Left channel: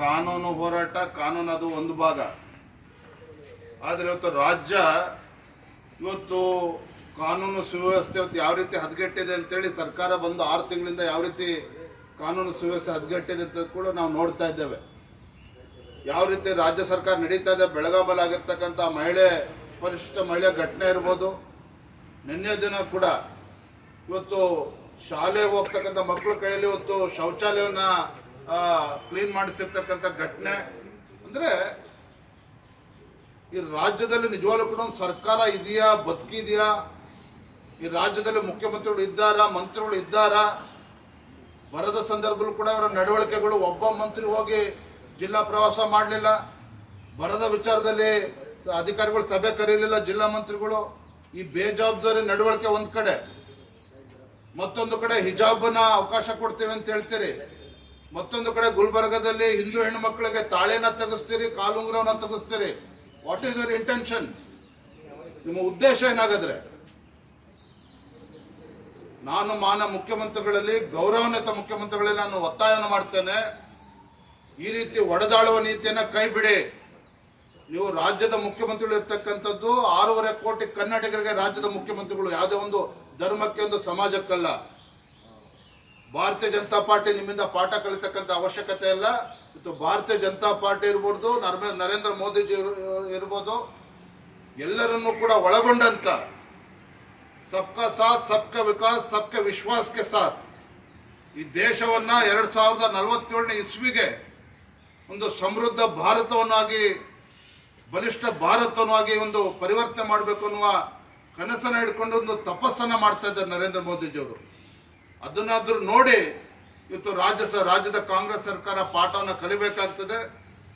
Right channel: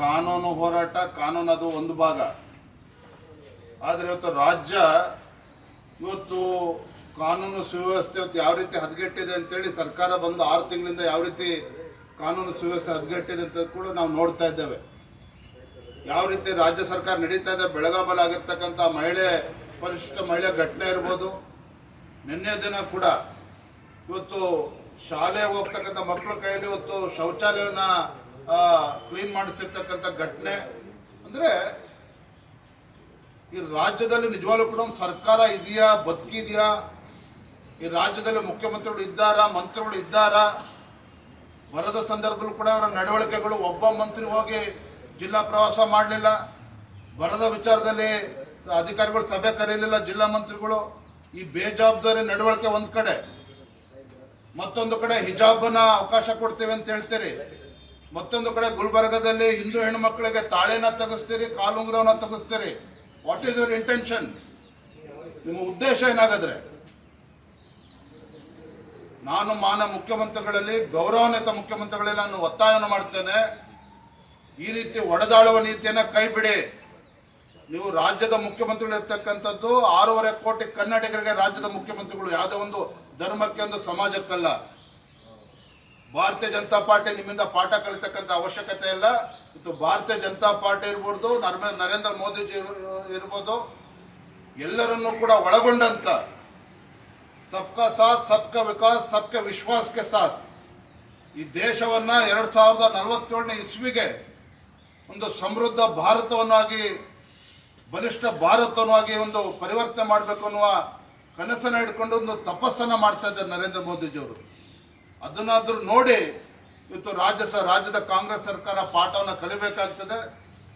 ಕಾನೂನು ಹೋರಾಟ, ಕಾನೂನು ಅದು ಒಂದು ಭಾಗ. ಆದರೆ ಇವತ್ತು ರಾಜ್ಯ ಇವತ್ತು ಕಾನೂನು ಸುವ್ಯವಸ್ಥೆ ಇವತ್ತು ಯಾವ ರೀತಿ ಹದಗೆಟ್ಟಿದೆ ಅಂತೇಳಿ ಸರ್ಕಾರ ಬಂದು 6 ತಿಂಗಳಿಂದ ಯಾವ ರೀತಿ ಕಾನೂನು ಸುವ್ಯವಸ್ಥೆ ಹದಗೆಟ್ಟಿದೆ ಅಂತ ಕೂಡ ನಾವು ನೋಡ್ತಾ ಇದ್ದೇವೆ. ಯಾವ ರೀತಿ ರಾಜ್ಯ ಸರ್ಕಾರ ನಡೀತಾ ಇದೆ. ಬೆಳಗಾವಲ್ಲಿ ಆಗಿರ್ತಕ್ಕಂಥ ಪರಿಶಿಷ್ಟ ಮಹಿಳೆ ಘಟನೆ ಇರ್ಬೋದು. ನಿನ್ನೆ ದಿನ ಕೂಡ ಇವತ್ತು ಶಾಲೆಗೆ ಹೋಗ್ತಕ್ಕಂಥ ಮಕ್ಕಳ ಕೈಯಲ್ಲಿ ಇವತ್ತು ಶೌಚಾಲಯವನ್ನ ಕ್ಲೀನ್ ಮಾಡಿಸಿರ್ತಕ್ಕಂಥ ಘಟನೆ. ಅಂದರೆ ಈ ರಾಜ್ಯದಲ್ಲಿ ನಿಜವಾಗ್ಲೂ ಕೂಡ ಒಂದು ಸರ್ಕಾರ ಇದೆಯಾ, ಬದುಕಿದೆಯಾ? ಈ ರಾಜ್ಯದಲ್ಲಿ ಮುಖ್ಯಮಂತ್ರಿಗಳು ಇದ್ದಾರಾ, ಮಂತ್ರಿಗಳು ಇದ್ದಾರಾ? ಬರದ ಸಂದರ್ಭದಲ್ಲೂ ಕೂಡ ಅವರ ನಡವಳಿಕೆಗಳು, ಒಬ್ಬ ಮಂತ್ರಿ ಹೋಗಿ ಜಿಲ್ಲಾ ಪ್ರವಾಸ ಮಾಡಲಿಲ್ಲ. ಬರದ ವಿಚಾರದಲ್ಲಿ ಅಧಿಕಾರಿಗಳು ಸಭೆ ಕರೆಯಲಿಲ್ಲ ಜಿಲ್ಲಾ ಮಂತ್ರಿಗಳು. ಈ ಬೇಜವಾಬ್ದಾರಿ ನಡವಳಿಕೆ ಒಂದು ಕಡೆ, ಮತ್ತೊಂದು ಕಡೆ ಹಿಜಾಬ್ನ ಅವಕಾಶ ಕೊಡ್ತೇವೆ ಅಂತ ಹೇಳ್ತೀರಿ. ಮತ್ತೊಂದು ಕಡೆ ಗುಲ್ಬರ್ಗದಲ್ಲಿ ಹಿಂದೂ ಹೆಣ್ಣು ಮಕ್ಕಳಿಗೆ ತಾಳೆನ ತೆಗೆಸ್ತೀರಿ, ಕಾಲುಂಗುರವನ್ನ ತೆಗೆಸ್ತೀರಿ. What is your intention? ನಿಮ್ಮ ಉದ್ದೇಶ ಏನಾಗದ್ರೆ? ನಾನು ಮುಖ್ಯಮಂತ್ರಿಗಳಲ್ಲಿ, ಗೌರವಾನ್ವಿತ ಮುಖ್ಯಮಂತ್ರಿಗಳಲ್ಲಿ ನಾನು ಒತ್ತಾಯವನ್ನು ಮಾಡ್ತೇನೆ, ಈ ರೀತಿ ಒಡೆದಾಳುವ ನೀತಿಯನ್ನ ಕೈ ಬಿಡಿ. ನೀವು ರಾಜ್ಯದ ಮುಖ್ಯಮಂತ್ರಿಗಳು ಇರ್ತಕ್ಕಂಥದ್ದು 6.5 ಕೋಟಿ ಕನ್ನಡಿಗರಿಗೆ ರಾಜ್ಯದ ಮುಖ್ಯಮಂತ್ರಿಗಳು, ಯಾವುದೇ ಒಂದು ಧರ್ಮಕ್ಕೆ, ಒಂದು ಸಮಾಜಕ್ಕಲ್ಲ. ಭಾರತೀಯ ಜನತಾ ಪಾರ್ಟಿ ನಿಮ್ಮಿಂದ ಪಾಠ ಕಲಿತಕ್ಕಂಥ ಅವಶ್ಯಕತೆ ಇಲ್ಲ. ಇವತ್ತು ಭಾರತೀಯ ಜನತಾ ಪಾರ್ಟಿ ಇರ್ಬೋದು, ನರೇಂದ್ರ ಮೋದಿಜಿ ಇರ್ಬೋದು, ಎಲ್ಲರನ್ನೂ ಕೂಡ ಒಳಗೊಂಡಂತ ಸಬ್ಕಾ ಸಾಥ್, ಸಬ್ಕಾ ವಿಕಾಸ್, ಸಬ್ಕಾ ವಿಶ್ವಾಸ್ಗೆ ಸಾಥ್ ಈ ದೇಶವನ್ನ 2047ನೇ ಇಸ್ವಿಗೆ ಒಂದು ಸಮೃದ್ಧ ಭಾರತವನ್ನಾಗಿ, ಬಲಿಷ್ಠ ಭಾರತವನ್ನಾಗಿ ಒಂದು ಪರಿವರ್ತನೆ ಮಾಡಬೇಕು ಅನ್ನುವ ಕನಸನ್ನು ಹಿಡ್ಕೊಂಡು ಒಂದು ತಪಸ್ಸನ್ನ ಮಾಡ್ತಾ ಇದ್ದಾರೆ ನರೇಂದ್ರ ಮೋದಿಜಿಯವರು. ಅದನ್ನಾದ್ರೂ ನೋಡಿ ಇವತ್ತು ರಾಜ್ಯದ ಕಾಂಗ್ರೆಸ್ ಸರ್ಕಾರ ಪಾಠವನ್ನು ಕಲಿಬೇಕಾಗ್ತದೆ.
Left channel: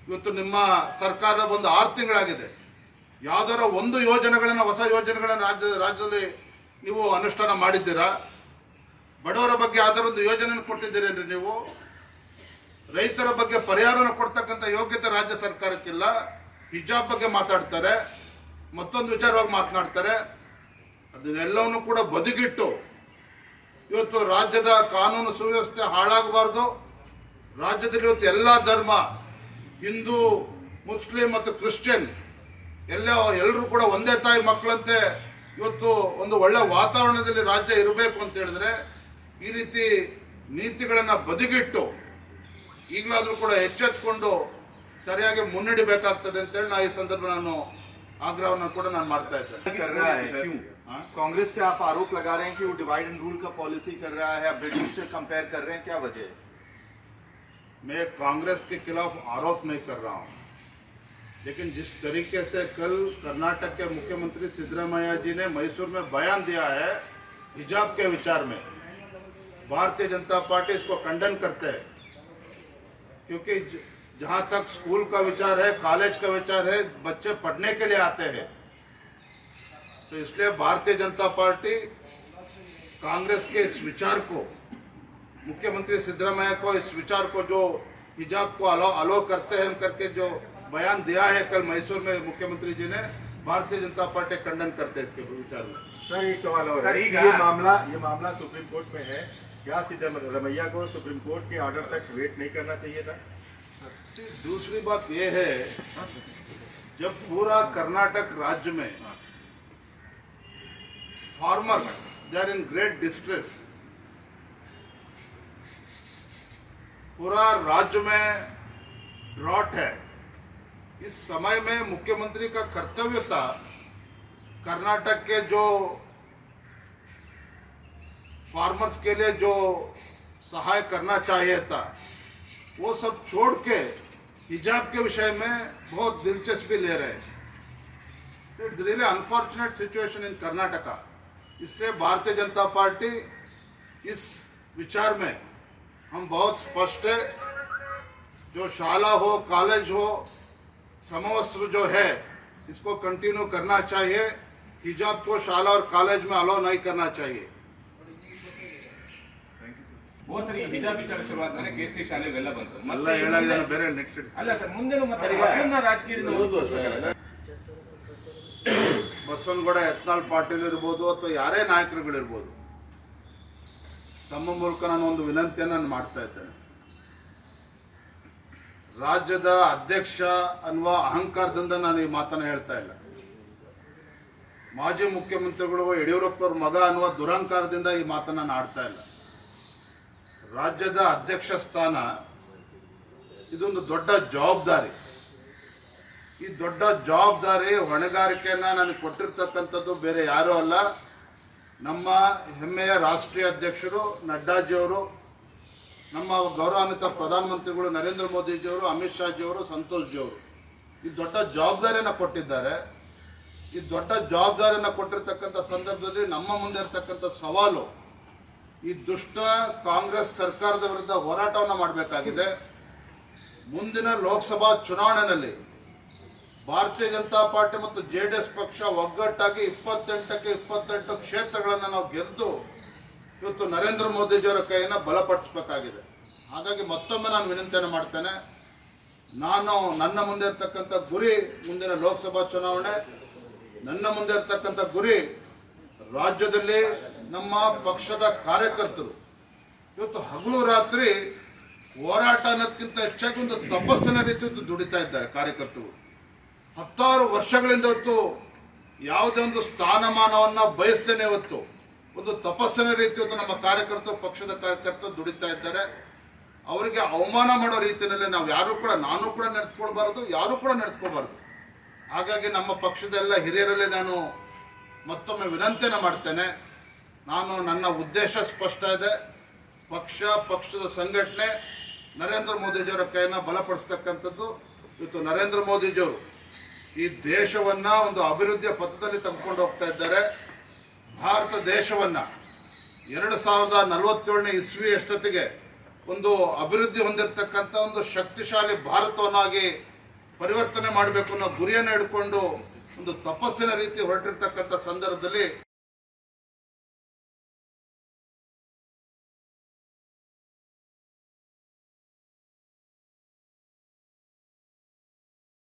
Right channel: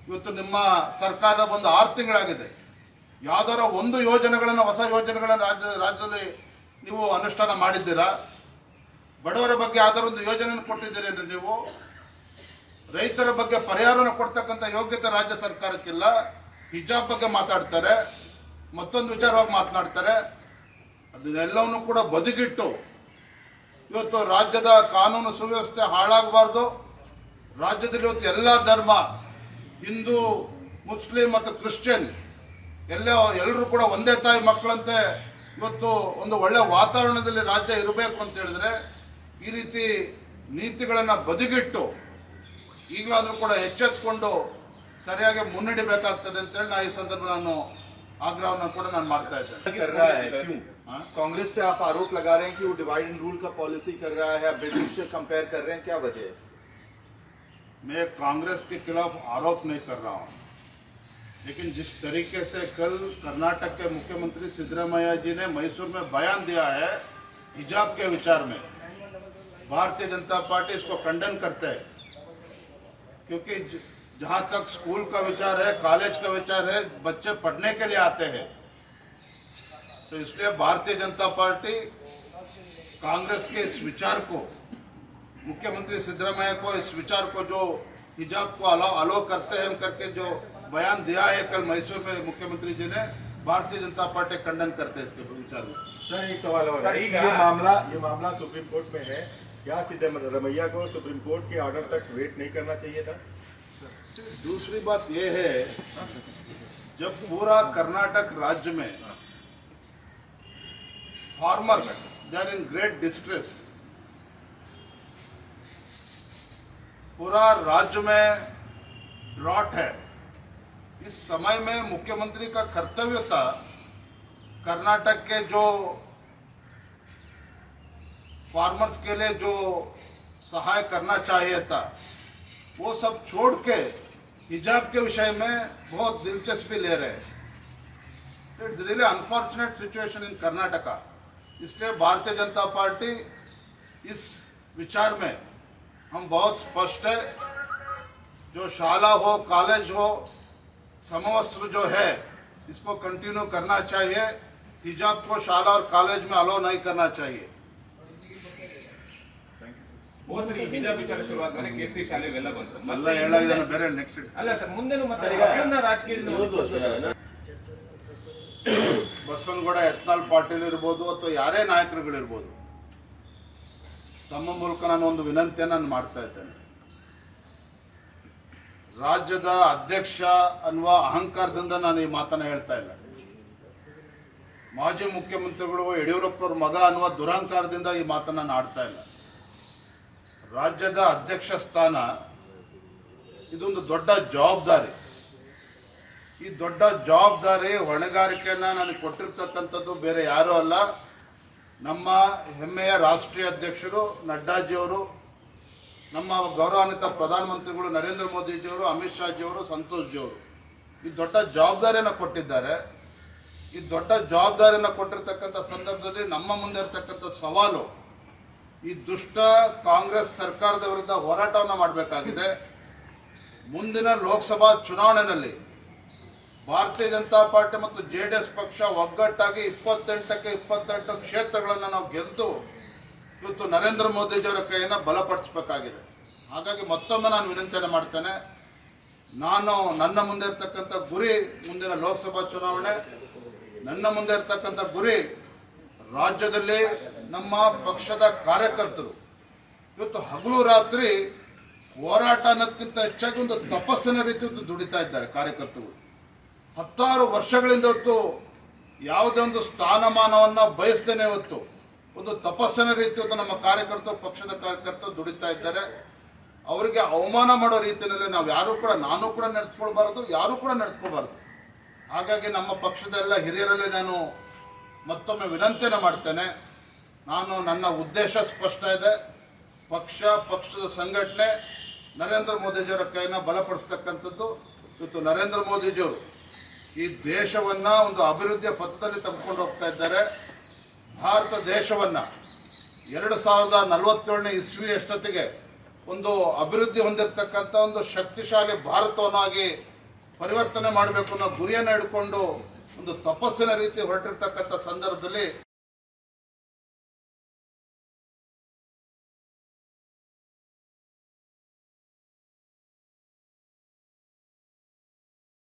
ಇವತ್ತು ನಿಮ್ಮ ಸರ್ಕಾರ ಒಂದು 6 ತಿಂಗಳಾಗಿದೆ. ಯಾವ್ದಾರ ಒಂದು ಯೋಜನೆಗಳನ್ನ, ಹೊಸ ಯೋಜನೆಗಳನ್ನ ರಾಜ್ಯದಲ್ಲಿ ನೀವು ಅನುಷ್ಠಾನ ಮಾಡಿದ್ದೀರಾ? ಬಡವರ ಬಗ್ಗೆ ಯಾವ್ದಾರ ಒಂದು ಯೋಜನೆಯನ್ನು ಕೊಟ್ಟಿದ್ದೀರೇನ್ರಿ ನೀವು? ರೈತರ ಬಗ್ಗೆ ಪರಿಹಾರನ ಕೊಡ್ತಕ್ಕಂಥ ಯೋಗ್ಯತೆ ರಾಜ್ಯ ಸರ್ಕಾರಕ್ಕಿಲ್ಲ. ಹಿಜಾಬ್ ಬಗ್ಗೆ ಮಾತಾಡ್ತಾರೆ, ಮತ್ತೊಂದು ವಿಚಾರವಾಗಿ ಮಾತನಾಡ್ತಾರೆ. ಅದನ್ನೆಲ್ಲವನ್ನು ಕೂಡ ಬದಿಗಿಟ್ಟು ಇವತ್ತು ರಾಜ್ಯದ ಕಾನೂನು ಸುವ್ಯವಸ್ಥೆ ಹಾಳಾಗಬಾರ್ದು. ರಾಜ್ಯದಲ್ಲಿ ಇವತ್ತು ಎಲ್ಲ ಧರ್ಮ, ಹಿಂದೂ, ಮುಸ್ಲಿಂ ಮತ್ತು ಕ್ರಿಶ್ಚಿಯನ್ ಎಲ್ಲರೂ ಕೂಡ ಒಂದೇ ತಾಯಿ ಮಕ್ಕಳಂತೆ ಇವತ್ತು ಒಂದು ಒಳ್ಳೆ ವಾತಾವರಣದಲ್ಲಿ ರಾಜ್ಯ ಇರಬೇಕು ಅಂತ ಹೇಳಿದ್ರೆ ಈ ರೀತಿ ನೀತಿಗಳನ್ನು ಬದಿಗಿಟ್ಟು ಈಗಲಾದರೂ ಕೂಡ ಎಚ್ಚೆತ್ತುಕೊಂಡು ಸರಿಯಾಗಿ ಮುನ್ನಡೆಯಬೇಕಾಗ್ತದೆ ಅಂತೇಳಿ ನಾನು ಈ ಸಂದರ್ಭ ಆಗ್ರಹವನ್ನು ಕೂಡ ನಾನು ಮಾಡ್ತಾ ಇದ್ದೇನೆ. कांग्रेस पे आप आरोप लगा रहे हैं कि वो डिवाइड एंड रूल का पॉलिसी कर रहा है, ब्रिटिश से कंपेयर कर रहे हैं, क्या वजह है? मैं कांग्रेस के खिलाफ आरोप नहीं कर रहा हूं, लेकिन जिस तरीके से कल कर्नाटक के मुख्यमंत्री सिद्धरामैया जी ने मैसूर में बयान दिया है हिजाब के विचार में, भारतीय जनता पार्टी इसको खंडन करते हैं। क्योंकि जहां तक स्कूल का विचार है, कॉलेज का विचार है, बच्चे पढ़ने के लिए आते हैं, तो इसलिए भारतीय जनता पार्टी कांग्रेस के इस विचार को, मुख्यमंत्री सिद्धरामैया को इस विचार को, जो हिजाब को अलो करते हैं करके जो बयान दिया है कल मैसूर में मुख्यमंत्री जी ने, भारतीय जनता पार्टी खंडन करते हैं इसके विचार में। सर एक सवाल और है, ये मामला सुप्रीम कोर्ट में है, क्या सिद्धरामैया को सुप्रीम कोर्ट के ऑर्डर तक वेट नहीं करना चाहिए था? दूसरी बात यह है, जब पूरा कर्नाटक राज्य में farmers they are in great distress, पूरा राज्य में ड्रॉट है, इस समय में मुख्यमंत्री का कर्तव्य था कर्नाटक के जो फार्मर्स के लिए जो सहाय करना चाहिए था वो सब छोड़ के हिजाब के विषय में बहुत दिलचस्पी ले रहे हैं। It's really unfortunate situation in Karnataka. इसलिए भारतीय जनता पार्टी इस विचार में हम बहुत स्पष्ट है, जो शाला हो, कॉलेज हो, समवस्त्र जो है इसको कंटिन्यू करना चाहिए। हिजाब को शाला और कॉलेज में अलाउ नहीं करना चाहिए। बहुत सारी हिजाब विचार शुरुआत में केसरी शाले वेला ಬಂತು ಎಲ್ಲ ಹೇಳೋದು ಬೇರೆ ನೆಕ್ಸ್ಟ್ ಅಲ್ಲ ಸರ್ ಮುಂದೆನೂ ಮತ್ತೆ ಮಕ್ಕಳನ್ನ ರಾಜಕೀಯದಿಂದ ಬಸವನಗೌಡ ಯತ್ನಾಳ್ ಪಾಟೀಲ್ ಇರ್ಬೋದು ಅಥವಾ ಯಾರೇ ನಾಯಕರುಗಳಿರ್ಬೋದು, ತಮ್ಮ ಮೂಲಕ ನಾನು ಒಂದು ವಿನಂತಿಯನ್ನು ನಾನು ಮಾಡ್ತಾ ಇದ್ದೇನೆ. ರಾಜ್ಯದ ಅಧ್ಯಕ್ಷ ಅನ್ನುವ ಅಹಂಕಾರದಿಂದ ನಾನು ಈ ಮಾತನ್ನ ಹೇಳ್ತಾ ಇಲ್ಲ. ಮಾಜಿ ಮುಖ್ಯಮಂತ್ರಿಗಳು ಯಡಿಯೂರಪ್ಪನವ್ರ ಮಗ ಅನ್ನುವ ದುರಹಂಕಾರದಿಂದ ಈ ಮಾತನ್ನ ನಾನು ಆಡ್ತಾ ಇಲ್ಲ. ರಾಜ್ಯದ ಅಧ್ಯಕ್ಷ ಸ್ಥಾನ ಇದೊಂದು ದೊಡ್ಡ ಜವಾಬ್ದಾರಿ. ಈ ದೊಡ್ಡ ಜವಾಬ್ದಾರಿ ಹೊಣೆಗಾರಿಕೆಯನ್ನ ನನಗೆ ಕೊಟ್ಟಿರ್ತಕ್ಕಂಥದ್ದು ಬೇರೆ ಯಾರೂ ಅಲ್ಲ, ನಮ್ಮ ಹೆಮ್ಮೆಯ ರಾಷ್ಟ್ರೀಯ ಅಧ್ಯಕ್ಷರು ನಡ್ಡಾಜಿಯವರು, ನಮ್ಮ ಗೌರವಾನ್ವಿತ ಪ್ರಧಾನಮಂತ್ರಿಗಳು ನರೇಂದ್ರ ಮೋದಿಜಿಯವರು, ಅಮಿತ್ ಶಾಜಿಯವರು, ಸಂತೋಷ್ ಜಿಯವರು ಈ ದೊಡ್ಡ ಜವಾಬ್ದಾರಿಯನ್ನು ಕೊಟ್ಟಿದ್ದಾರೆ. ಈ ದೊಡ್ಡ ಜವಾಬ್ದಾರಿಯನ್ನು ಕೊಟ್ಟಿರ್ತಕ್ಕಂಥ ಸಂದರ್ಭದಲ್ಲಿ ನಮ್ಮ ಮುಂದೆ ಇರತಕ್ಕಂಥ ಸವಾಲು ಈ ದುಷ್ಟ ಕಾಂಗ್ರೆಸ್ ಸರ್ಕಾರದ ವಿರುದ್ಧ ಹೋರಾಟವನ್ನು ಮಾಡಬೇಕಾಗಿದೆ. ಮುಂದಿನ ಲೋಕಸಭಾ ಚುನಾವಣೆಯಲ್ಲಿ ಭಾರತೀಯ ಜನತಾ ಪಾರ್ಟಿ ಮತ್ತು JDS ಪಕ್ಷ ಒಗ್ಗಟ್ಟಾಗಿ 28ಕ್ಕೆ 28 ಕ್ಷೇತ್ರಗಳನ್ನು ನಾವು ಗೆದ್ದು ಇವತ್ತು ನರೇಂದ್ರ ಮೋದಿಜಿಯವರ ಕೈಯನ್ನು ಬಲಪಡಿಸಬೇಕಾಗಿದೆ. ಹಾಗಾಗಿ ಮತ್ತೊಮ್ಮೆ ನಾನು ವಿನಂತಿಯನ್ನು ಮಾಡ್ತೇನೆ, ನನ್ನ ಮುಂದೆ ಇರ್ತಕ್ಕಂಥ ಗುರಿ ಮುಂದಿನ ಲೋಕಸಭಾ ಚುನಾವಣೆ, ನನ್ನ ಮುಂದೆ ಇರ್ತಕ್ಕಂಥ ಗುರಿ ರಾಜ್ಯದಲ್ಲಿ ನಮ್ಮ ಪಕ್ಷದ ಕಾರ್ಯಕರ್ತರು ಇವತ್ತು ಹಗಲು ರಾತ್ರಿ ಹೋರಾಟ ಅನ್ನೋದಕ್ಕಿಂತ ಹೆಚ್ಚಾಗಿ ಒಂದು ತಪಸ್ಸಿನ ರೀತಿ ದುಡಿತಾ ಇದ್ದಾರೆ. ಕಾರ್ಯಕರ್ತರು 10 ವರ್ಷಗಳಿಂದ ಇವತ್ತು ಯಾವುದೇ ಒಂದು ಸ್ಥಾನಮಾನವನ್ನು ಬಯಸ್ತೇನೆ ಇವತ್ತು ಒಂದು ತಪಸ್ಸಿನ ರೀತಿ ಇವತ್ತು ನಮ್ಮ ಕಾರ್ಯಕರ್ತರು, ಪಕ್ಷದ ಕಾರ್ಯಕರ್ತರು ದುಡಿತಾ ಇದ್ದಾರೆ. ಅವರಿಗೆ ಅವಮಾನ ಮಾಡೋ ರೀತಿಯಲ್ಲಿ ನಾವು ಯಾರು ಕೂಡ, ನಾನು ಕೂಡ ನಡೆದುಕೊಳ್ಬಾರದು, ಯಾರು ಕೂಡ ನಡೆದುಕೋಬಾರದು. ಹಾಗಾಗಿ ನಮ್ಮ ಪಕ್ಷದ ಎಲ್ಲ ಹಿರಿಯರಲ್ಲಿ ನಾನು ಮತ್ತೊಮ್ಮೆ ವಿನಂತಿಯನ್ನು ಮಾಡ್ತೇನೆ. ನನ್ನ ಉದ್ದೇಶ ಸ್ಪಷ್ಟ ಇದೆ. ಪಕ್ಷದ ಸಂಘಟನೆ ನರೇಂದ್ರ ಮೋದಿಜಿಯವರ ಕೈಯನ್ನು ಬಲಪಡಿಸ್ತಕ್ಕಂಥದ್ದು. ಇವತ್ತು ನರೇಂದ್ರ ಮೋದಿಜಿಯವರು ಈ ದೇಶವನ್ನ ಒಂದು ಅಭಿವೃದ್ಧಿಯ ಪಥದಲ್ಲಿ ತೆಗೆದುಕೊಂಡು ಹೋಗ್ತಾ ಇದ್ದಾರೆ. ಭಾರತ ದೇಶವನ್ನ 2047ನೇ ಇಸ್ವಿ ಅಷ್ಟೊತ್ತಿಗೆ ಒಂದು ಅಭಿವೃದ್ಧಿ ಹೊಂದಿರತಕ್ಕಂಥ ಒಂದು ಶಕ್ತಿಶಾಲಿ ಭಾರತವನ್ನಾಗಿ ಪರಿವರ್ತನೆ ಮಾಡಬೇಕು ಅನ್ನೋ ಗುರಿಯನ್ನು ಹಿಡ್ಕೊಂಡು ಒಂದು ತಪಸ್ಸಿನ ರೀತಿ ಹೊರಟಿರ್ತಕ್ಕಂಥ ಸಂದರ್ಭದಲ್ಲಿ